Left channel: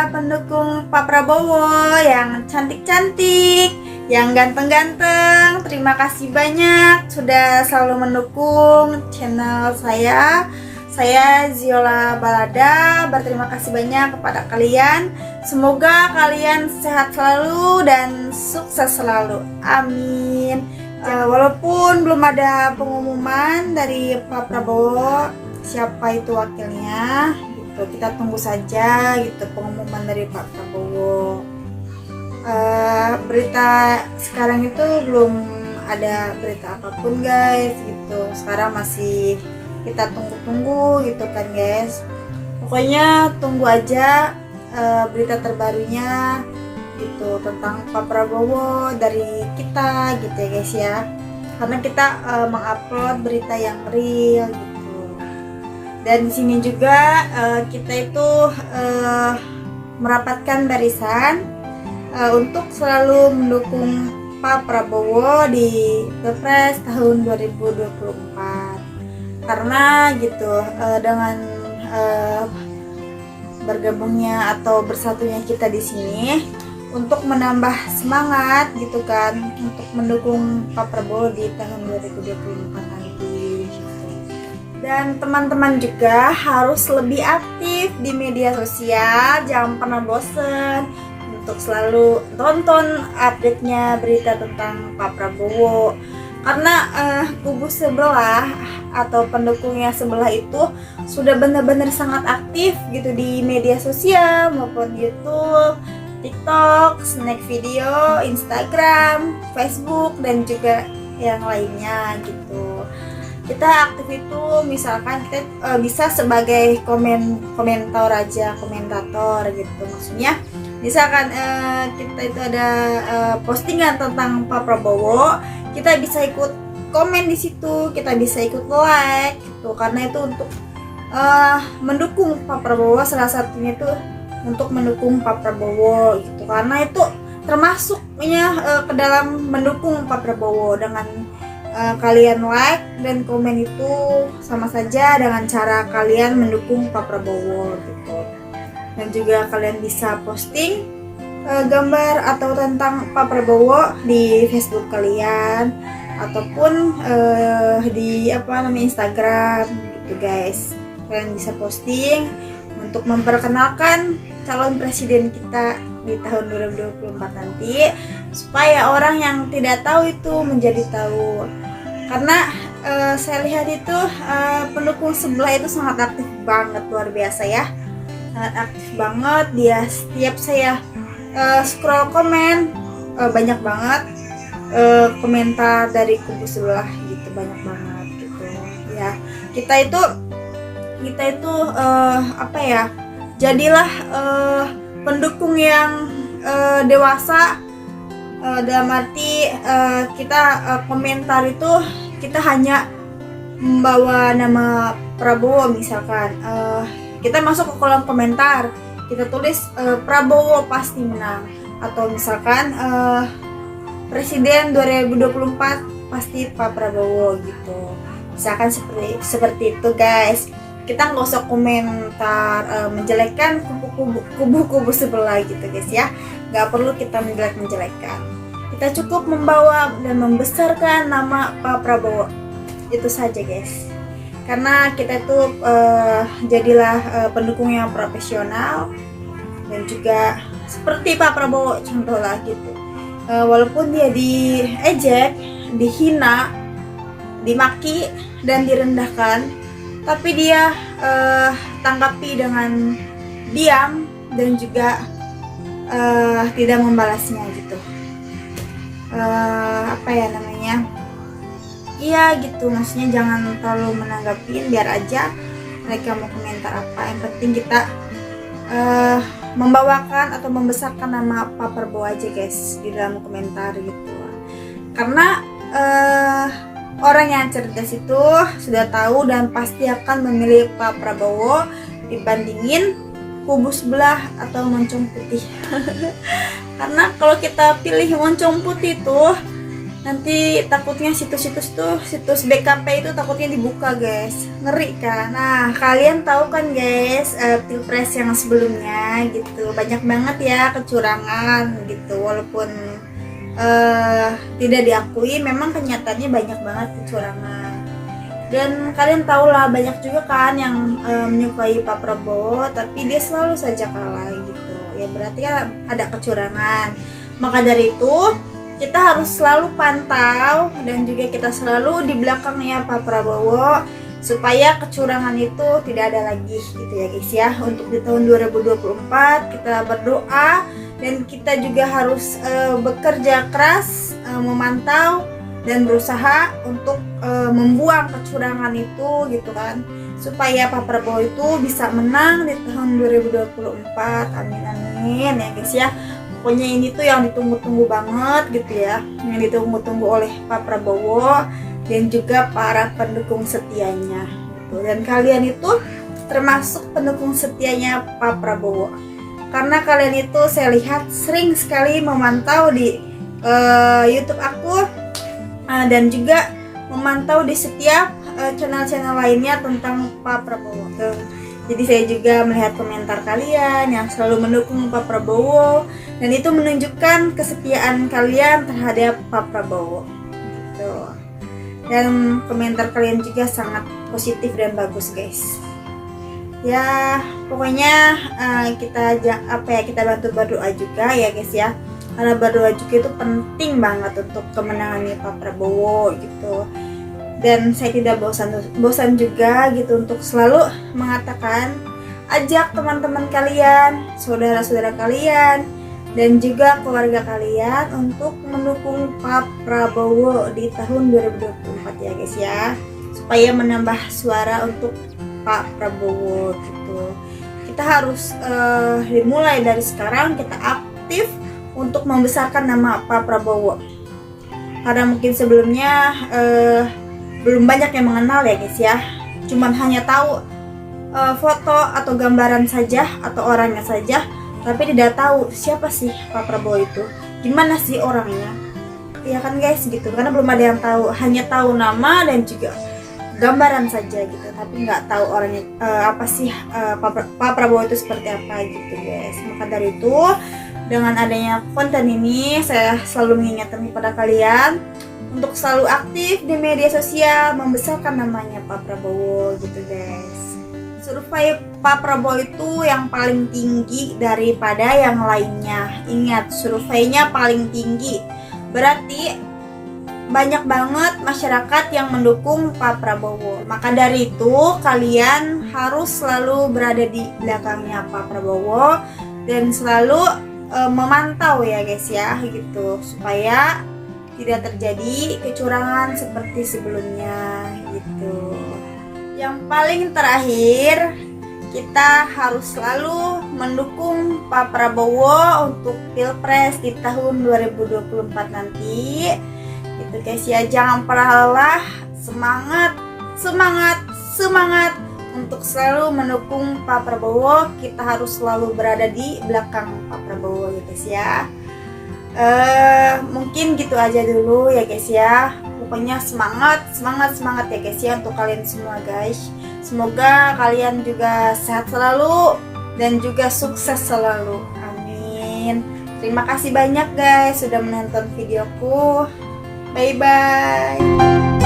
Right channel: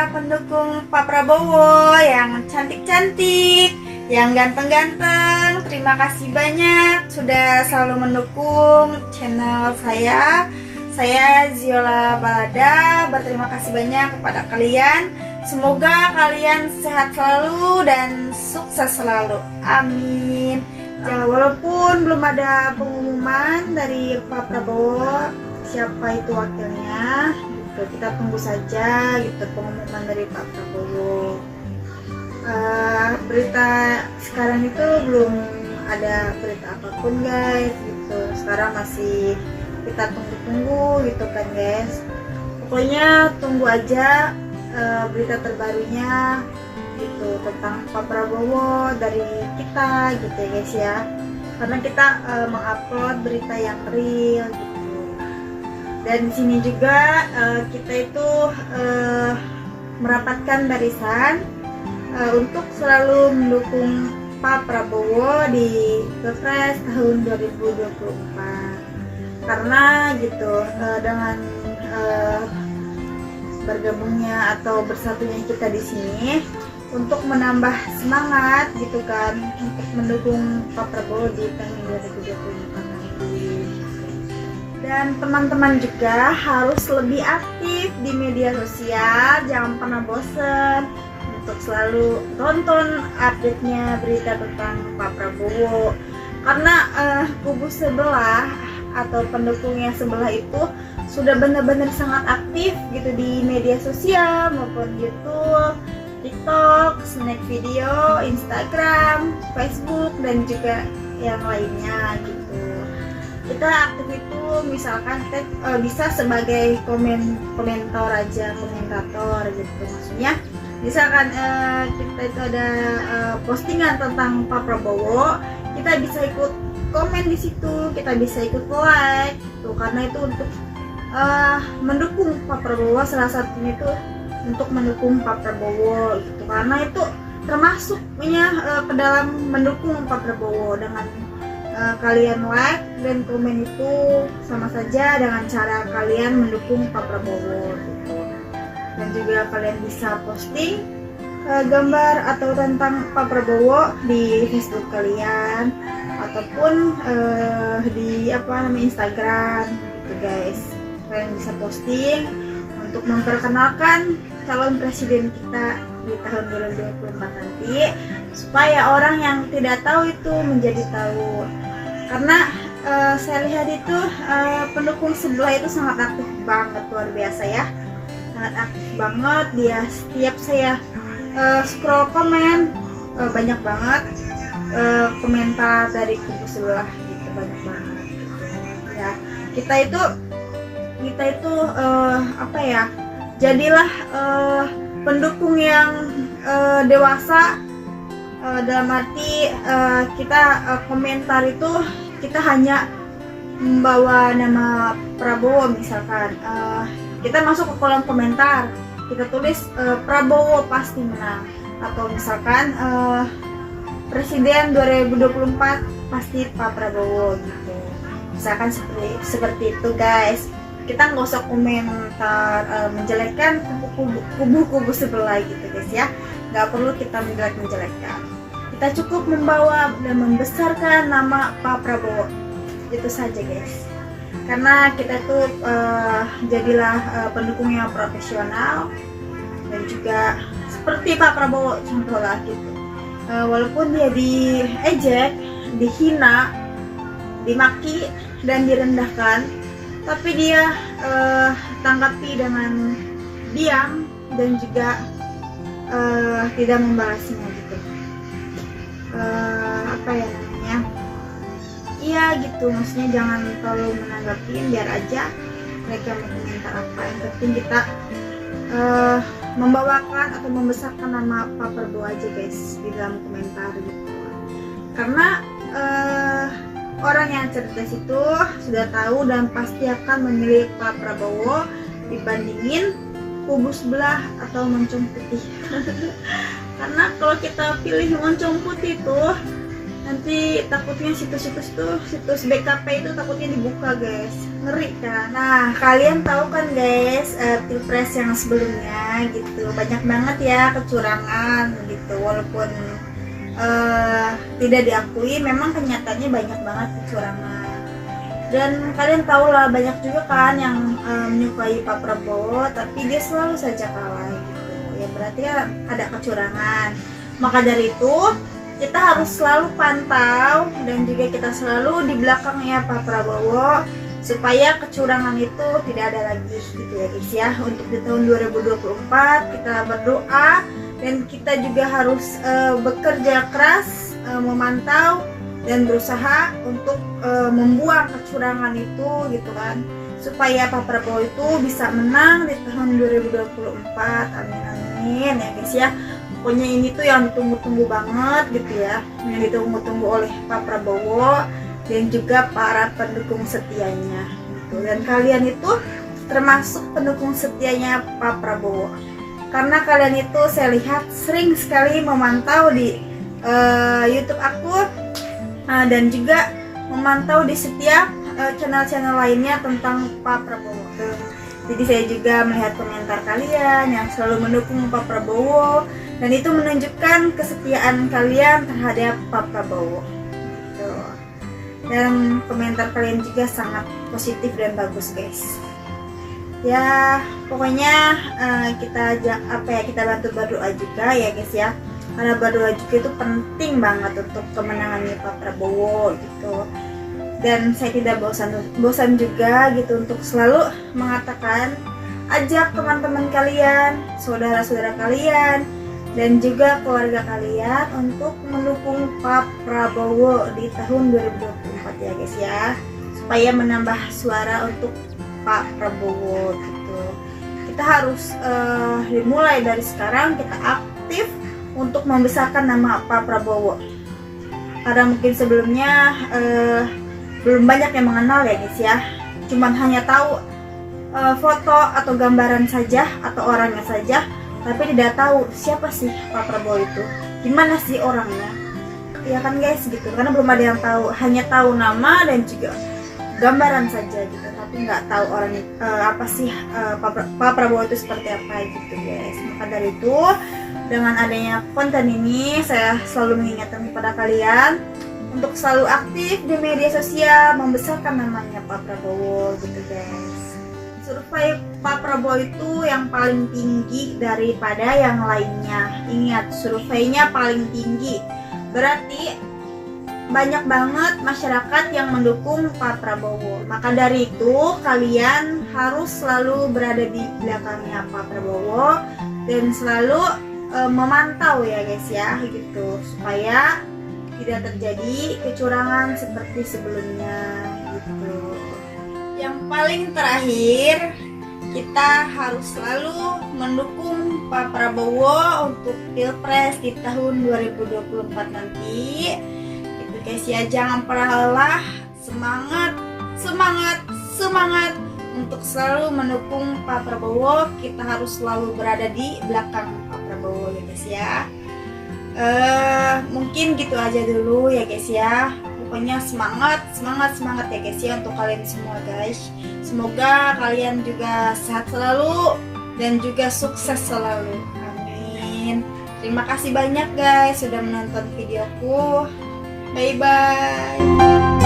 para pendukung Pak Prabowo yang cantik-cantik, yang ganteng-ganteng. Terima kasih banyak sudah selalu mendukung channel saya. Saya Ziola Balada, berterima kasih banyak kepada kalian. Semoga kalian sehat selalu dan sukses selalu. Amin. Walaupun belum ada pengumuman dari Pak Prabowo siapa itu wakilnya, gitu. Kita tunggu saja gitu pengumuman dari Pak Prabowo. Berita sekarang itu belum ada berita apapun guys, gitu. Sekarang masih kita tunggu-tunggu gitu kan guys. Pokoknya tunggu aja berita terbarunya gitu tentang Pak Prabowo dari kita gitu ya guys ya. Karena kita mengupload berita yang real gitu. Dan di sini juga kita itu merapatkan barisan untuk selalu mendukung Pak Prabowo di Pilpres tahun 2024. Karena gitu dengan bergabungnya atau bersatunya kita di sini untuk menambah semangat gitu kan untuk mendukung Pak Prabowo di tahun 2024 nanti gitu. Dan teman-teman juga harus lebih aktif di media sosial, jangan pernah bosen untuk selalu tonton update-nya berita tentang Pak Prabowo. Karena kubu sebelah atau pendukungnya sebelah itu sudah benar-benar sangat aktif gitu di media sosial maupun YouTube, TikTok, Snack Video, Instagram, Facebook dan juga yang lainnya gitu. Kita aktif itu misalkan kita bisa sebagai komentator gitu, maksudnya misalkan kita itu ada postingan tentang Pak Prabowo, kita bisa ikut komen di situ, kita bisa ikut like gitu, karena itu untuk mendukung Pak Prabowo, salah satunya itu untuk mendukung Pak Prabowo gitu, karena itu termasuknya ke dalam mendukung Pak Prabowo. Dengan kalian like dan komen itu sama saja dengan cara kalian mendukung Pak Prabowo gitu. Dan juga kalian bisa posting gambar atau tentang Pak Prabowo di Facebook kalian ataupun di Instagram gitu guys. Kalian bisa posting untuk memperkenalkan calon presiden kita di tahun 2024 nanti, supaya orang yang tidak tahu itu menjadi tahu. Karena saya lihat itu pendukung sebelah itu sangat aktif banget, luar biasa ya, sangat aktif banget dia. Setiap saya scroll komen banyak banget komentar dari kubu sebelah gitu, banyak banget gitu ya. Kita itu jadilah pendukung yang dewasa, dalam arti kita komentar itu kita hanya membawa nama Prabowo. Misalkan kita masuk ke kolom komentar, kita tulis Prabowo pasti menang, atau misalkan Presiden 2024 pasti Pak Prabowo gitu. Misalkan seperti itu guys. Kita nggak usah komentar menjelekkan kubu-kubu sebelah gitu guys ya. Nggak perlu kita menjelek-menjelekkan. Kita cukup membawa dan membesarkan nama Pak Prabowo. Itu saja guys. Karena kita tuh jadilah pendukung yang profesional dan juga seperti Pak Prabowo contoh lah gitu. Walaupun dia diejek, dihina, dimaki dan direndahkan, tapi dia tanggapi dengan diam dan juga tidak membalasnya gitu. Iya gitu, maksudnya jangan terlalu menanggapin, biar aja mereka mau komentar apa. Yang penting kita membawakan atau membesarkan nama Pak Prabowo aja guys di dalam komentar gitu. Karena orang yang cerdas itu sudah tahu dan pasti akan memilih Pak Prabowo dibandingin kubu sebelah atau moncong putih. Karena kalau kita pilih moncong putih itu Nanti takutnya situs-situs tuh, situs BKP itu takutnya dibuka guys, ngeri kan. Nah kalian tahu kan guys, pilpres yang sebelumnya gitu banyak banget ya kecurangan gitu, walaupun tidak diakui, memang kenyataannya banyak banget kecurangan. Dan kalian tahu lah, banyak juga kan yang menyukai Pak Prabowo tapi dia selalu saja kalah gitu ya, berarti ya ada kecurangan. Maka dari itu kita harus selalu pantau dan juga kita selalu di belakangnya Pak Prabowo supaya kecurangan itu tidak ada lagi gitu ya guys ya. Untuk di tahun 2024 kita berdoa dan kita juga harus bekerja keras, memantau dan berusaha untuk membuang kecurangan itu gitu kan, supaya Pak Prabowo itu bisa menang di tahun 2024. Amin amin ya guys ya. Pokoknya ini tuh yang ditunggu-tunggu banget gitu ya, yang ditunggu-tunggu oleh Pak Prabowo dan juga para pendukung setianya gitu. Dan kalian itu termasuk pendukung setianya Pak Prabowo, karena kalian itu saya lihat sering sekali memantau di YouTube aku dan juga memantau di setiap channel-channel lainnya tentang Pak Prabowo. Jadi saya juga melihat komentar kalian yang selalu mendukung Pak Prabowo, dan itu menunjukkan kesetiaan kalian terhadap Pak Prabowo gitu. Dan komentar kalian juga sangat positif dan bagus guys. Ya pokoknya kita bantu berdoa juga ya guys ya, karena berdoa juga itu penting banget untuk kemenangannya Pak Prabowo gitu. Dan saya tidak bosan juga gitu untuk selalu mengatakan, ajak teman-teman kalian, saudara-saudara kalian, dan juga keluarga kalian untuk mendukung Pak Prabowo di tahun 2024 ya guys ya, supaya menambah suara untuk Pak Prabowo gitu. Kita harus dimulai dari sekarang, kita aktif untuk membesarkan nama Pak Prabowo, karena mungkin sebelumnya belum banyak yang mengenal ya guys ya, cuman hanya tahu foto atau gambaran saja atau orangnya saja, tapi tidak tahu siapa sih Pak Prabowo itu, gimana sih orangnya ya kan guys gitu, karena belum ada yang tahu, hanya tahu nama dan juga gambaran saja gitu, tapi nggak tahu orangnya apa sih Pak Prabowo itu seperti apa gitu guys. Maka dari itu dengan adanya konten ini saya selalu mengingatkan kepada kalian untuk selalu aktif di media sosial, membesarkan namanya Pak Prabowo gitu guys. Survei Pak Prabowo itu yang paling tinggi daripada yang lainnya. Ingat, surveinya paling tinggi, berarti banyak banget masyarakat yang mendukung Pak Prabowo. Maka dari itu kalian harus selalu berada di belakangnya Pak Prabowo dan selalu memantau ya guys ya gitu, supaya tidak terjadi kecurangan seperti sebelumnya gitu. Yang paling terakhir, kita harus selalu mendukung Pak Prabowo untuk Pilpres di tahun 2024 nanti gitu guys ya. Jangan pernah lelah, semangat untuk selalu mendukung Pak Prabowo. Kita harus selalu berada di belakang Pak Prabowo gitu guys ya. Mungkin gitu aja dulu ya guys ya. Pokoknya semangat ya guys ya untuk kalian semua guys. Semoga kalian juga sehat selalu dan juga sukses selalu. Amin. Terima kasih banyak guys sudah menonton videoku. Bye bye.